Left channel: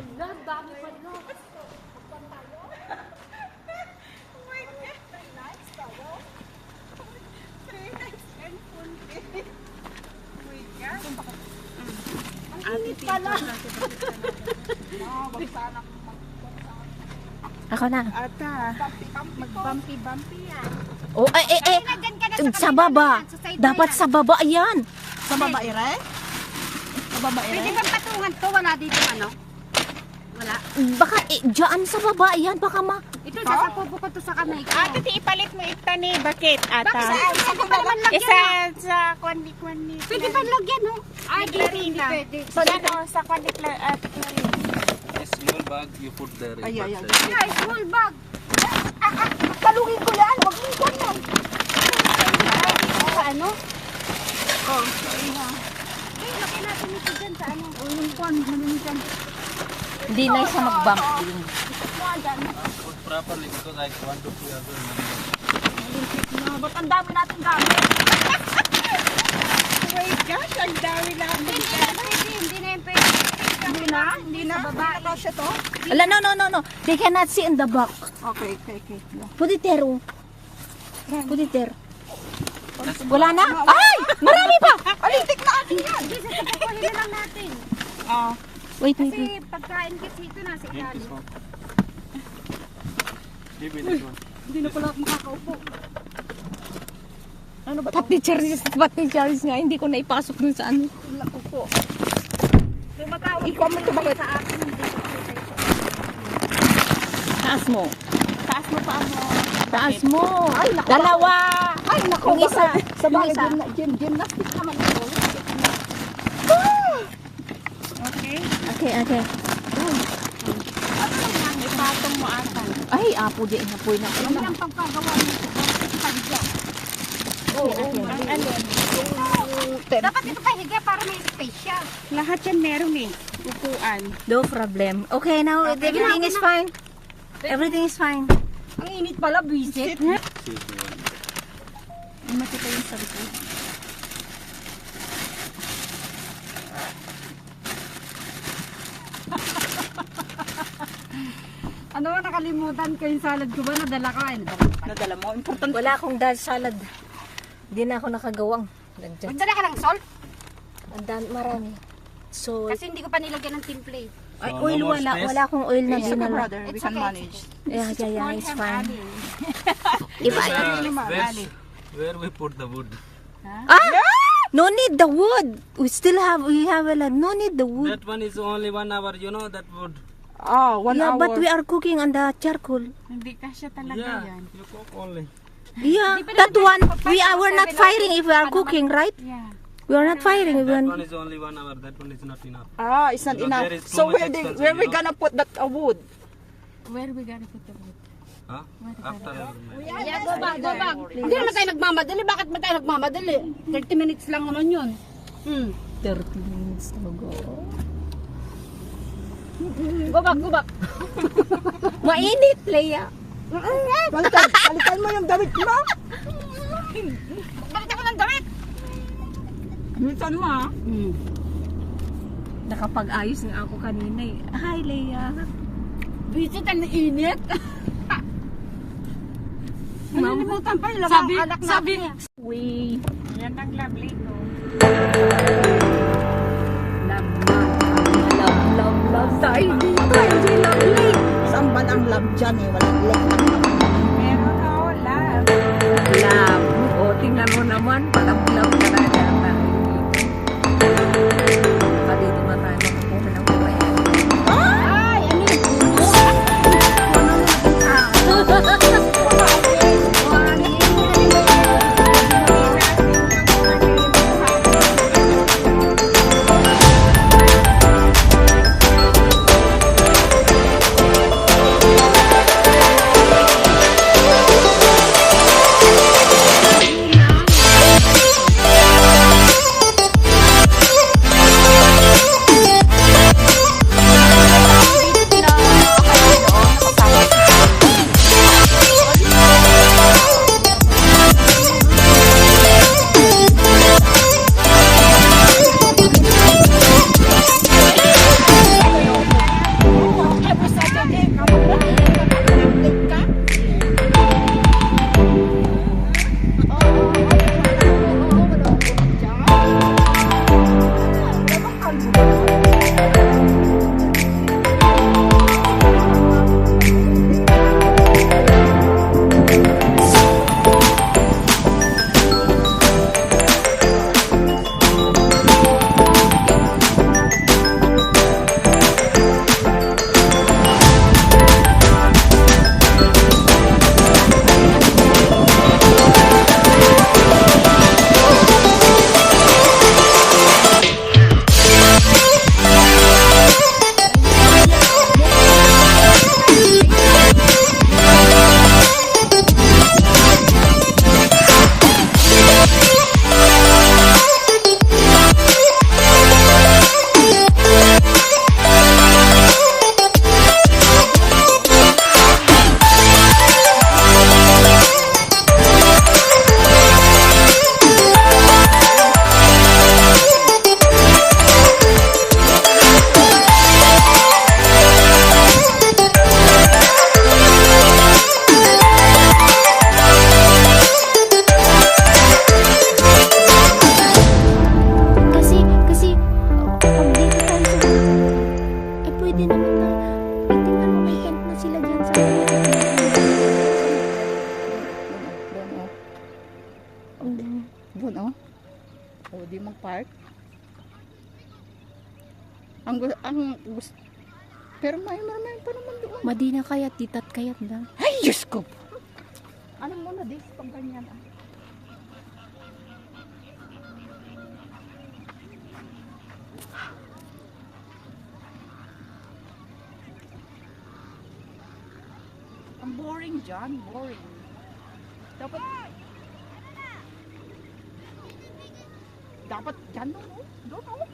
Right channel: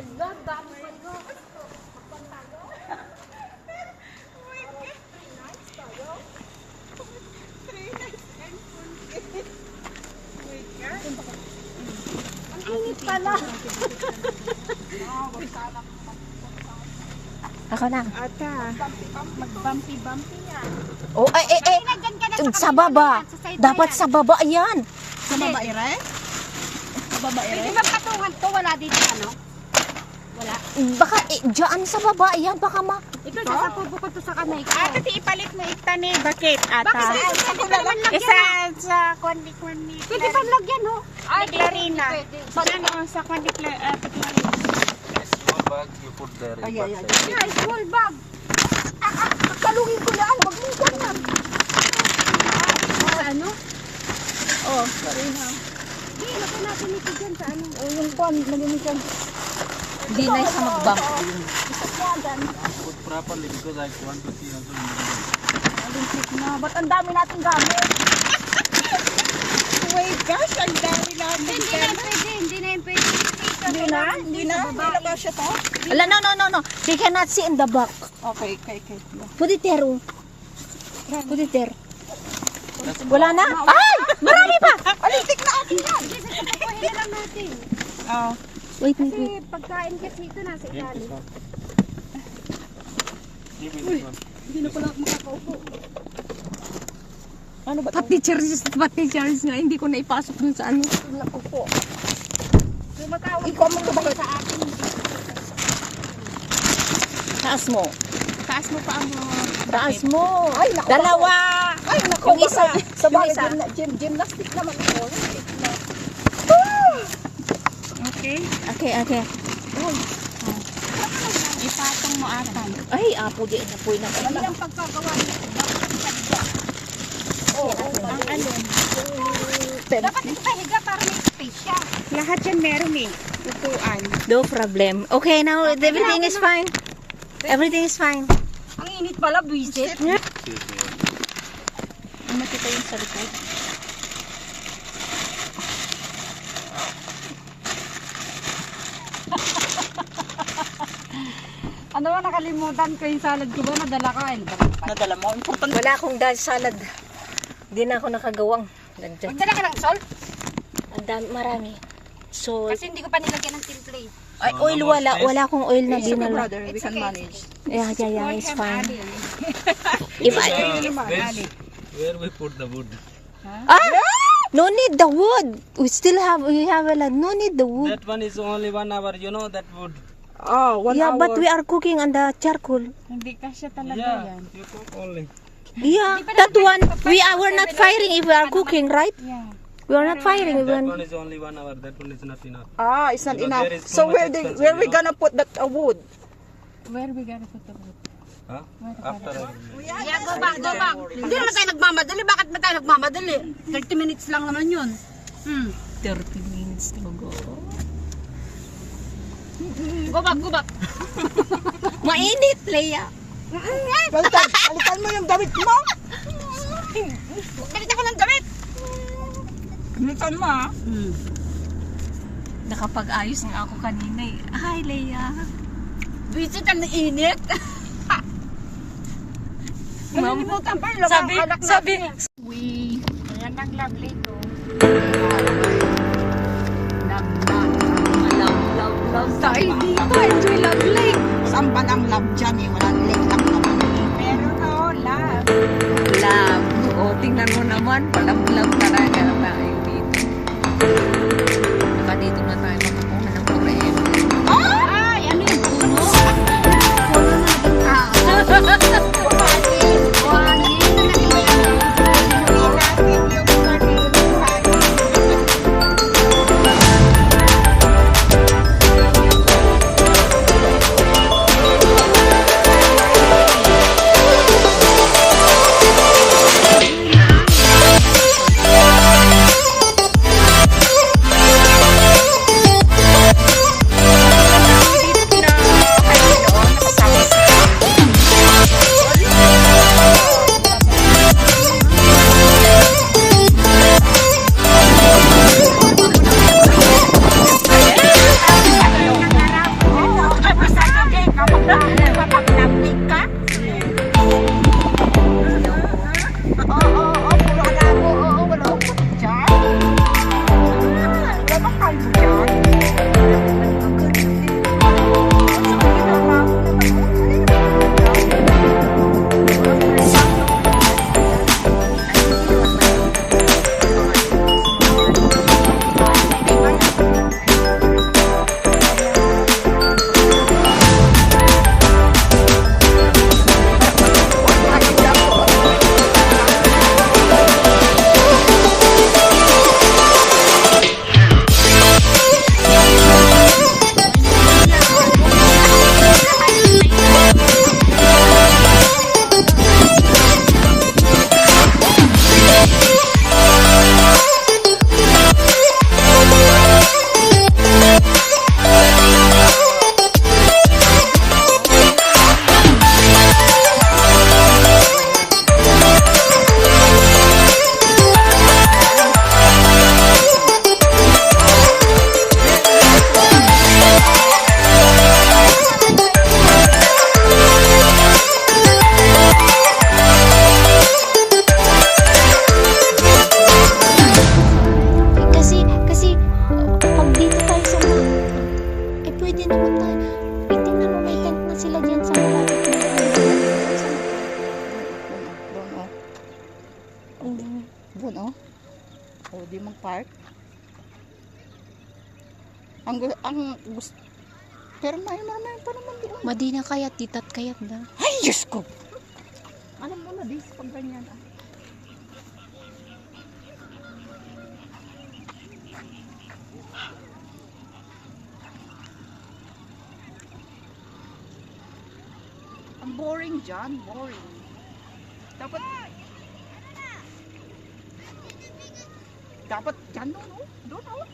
Ala, dami pa nyo. Ang init pala. Ako na. Ata, mag-bumpy-bumpy yan. Oh, sa baba. Dapat sa baba, ayan. Sa babae, Sa babae, pwede bang patungan to? Wala dito ano? Wala. Baka, dyan sa baba, ayan. Baka Ito, sasapod ko to sa kamay ko. Ate, ipalit mo ita ni bakit ata? Isa sa kwandi-kwandi. Pwede ba lagyan, no? Ay, Clarina. So, ano, sa kwandi-kwandi. A small bag you put there. Ay, small bag. Kalungin ko yan. Wag mong kwan yan. Sa ano? Oh. Ay, lagay natin ito dyan sa ano. O, yung kwan. Malinisan. hindi na isa mag-bump. Put properly because I want to see also. Malinsik na. Ba't ang dami natin gamit? Oh my gosh, ang dami namin. Hindi na pwede. Hindi na yung pwede. Hindi na? Hindi na? Hindi na ba siya to? Ala, no. They cannot see in the back. Okay. Put it there, oh. Put it there. Wala na? Ay! Marami pa! Alitik na akin yan. Hindi, sasapakuhin na lang natin. Oh. Wait. Kasi pagkain kasi ito nasa ilalim. Hindi na pala ako makakaupo. Ano ba? Pati Charles nga, hindi ko na ipasok dun sa ano. Nakupo. Tumatawag I-comment ko bakit? sa akin. Taas mo. Taas mo pa mo. Taas mo. Ay, naku. Dalawa. Ay, naku. Yung isa. Sa Yung bagay, isa. gymnastic naman ako. Okay. Ipatong mo atan. Ay, apo di. Apoy na. Hindi ang pagkagawa nito. Oo. Ang alin. Dapat ito pahiga para may space siya. Lahat yan meron eh. Upuan. No problem. Okay, now everything is fine. Everything is fine. Ang init pala, buisit. Makita yung sa likod. Ano ba, nakalimutan ko yung salad ko ba? Nadala ka. Nadala mo. Important. Wala akong dal salad. Hindi na ako nakagawang. Nandyan. Magdala ka ng salt? Ang dami, marami. So, Kasi hindi ko pa nilagyan ng timple. ay, oil wala. Wala akong oil na Sige, dinala. brother. We can manage. Yeah, it's fine. If I, Where we put the wood? no need the wood. We have a lot. No need the wood. That one is only 1 hour. You know that wood. Oh, 1 Yeah, hour. but we are cooking on the charcoal. Hindi kasya talaga Yeah, yan. you cook only. Yeah, that one. We are not firing if we are cooking, right? Yeah. We are not firing. That one is only 1 hour. That one is not enough. Ah, it's not Because enough. there is too So much expensive, where we you know. gonna put that wood? Where we gonna put the wood? Huh? After everything. Yeah, go back. Hindi naman tayo nagmamadali. Bakit ba tayo nagmamadali? 30 minutes lang naman yun. 30 minutes to go. Go back. Mainit, Leia. Balikan mo yung damit mo. Bakit ako ng damit? Balikan mo ah. Nakapag-ayos nga ako kanina eh. Hi, Leia. Visit ang init. Nalimutan pa yung anak natin. Yan ang lovely ko. Love tayo dito. Enjoy love lake. Saan ba ang love dyan eh? Walang lake lang naman. Meron ako, love. Love. O, tingnan mo naman. Love talaga tayo dito. Baka dito na tayo makukuha ng kuryente. Ay, ano yung puno? Puno natin. pwede naman na. Tingnan mo, may tent na sila dyan sa malapit na yan. Doon, oh. Doon, oh. O, di mag-park. Ang gusto. Pero may pa naman doon. Madina kayat, titat kayat ba? Ay, Diyos ko! Ano mo na, dis, pag ganyan, ah. Ang boring dyan, boring. Dapat dyan, no? Doon, oh.